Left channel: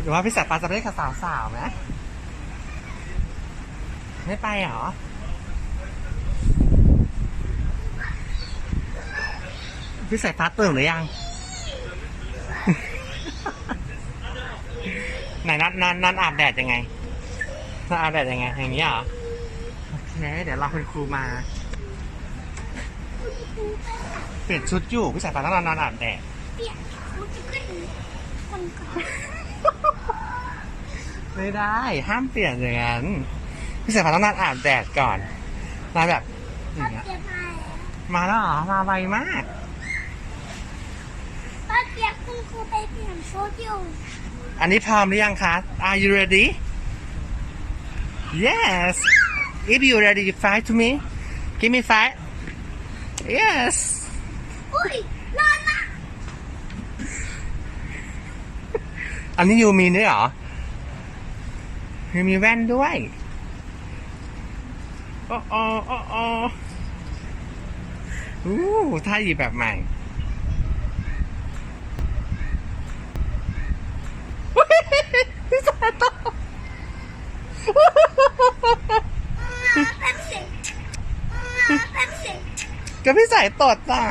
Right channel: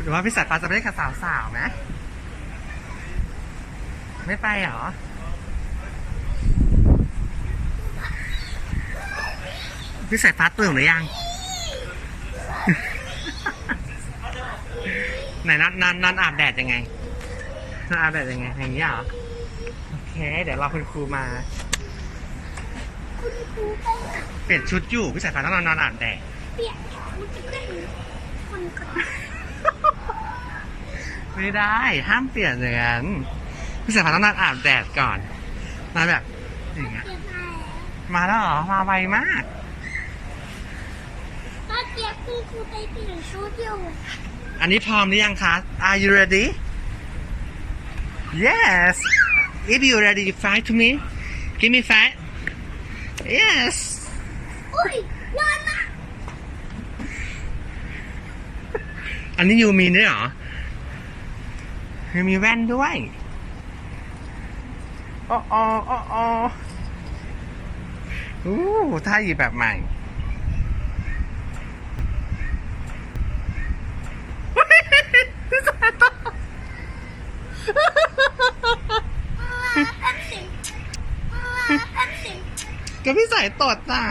หรือว่าพี่สายฟ้าจะไปเล่นกับสาวๆไหมไม่ไปเหรอ พี่สายฟ้าตื่นหรือยัง ไหนนอนนอนนอนอาบแดดยังไงนอนอาบแดดยังไง อย่างนี้เหรอ โอเค เดี๋ยวรอคุณครูมาคุณครูไปตัดเปลี่ยนชุดอยู่ พี่สายฟ้าต้องนอนนอนอาบแดด เปลี่ยนชุดให้คนก่อน ไม่ได้ ห้ามเปลี่ยนอย่างนั้นพี่สายฟ้าต้องนอนอาบแดดก่อนนอนแบบอย่าป้างเงี้ยเกียบมาแล้วมาแล้วเหรอมาไวมากป้าเกียบคุณครูไปเปลี่ยนชุดอยู่อันนี้พร้อมหรือยังครับ Are you ready Yes If you ready you fight to me Give me five Yes อุ้ยนอนนะอันนี้ยูมีด้วยเหรอ ยูมีแว่นด้วยโอ้โอ้โอ้โอ้อู้ท่าหยิบแบบใหม่แป๊บสิแป๊บสิจะไม่ใส่ตดอะ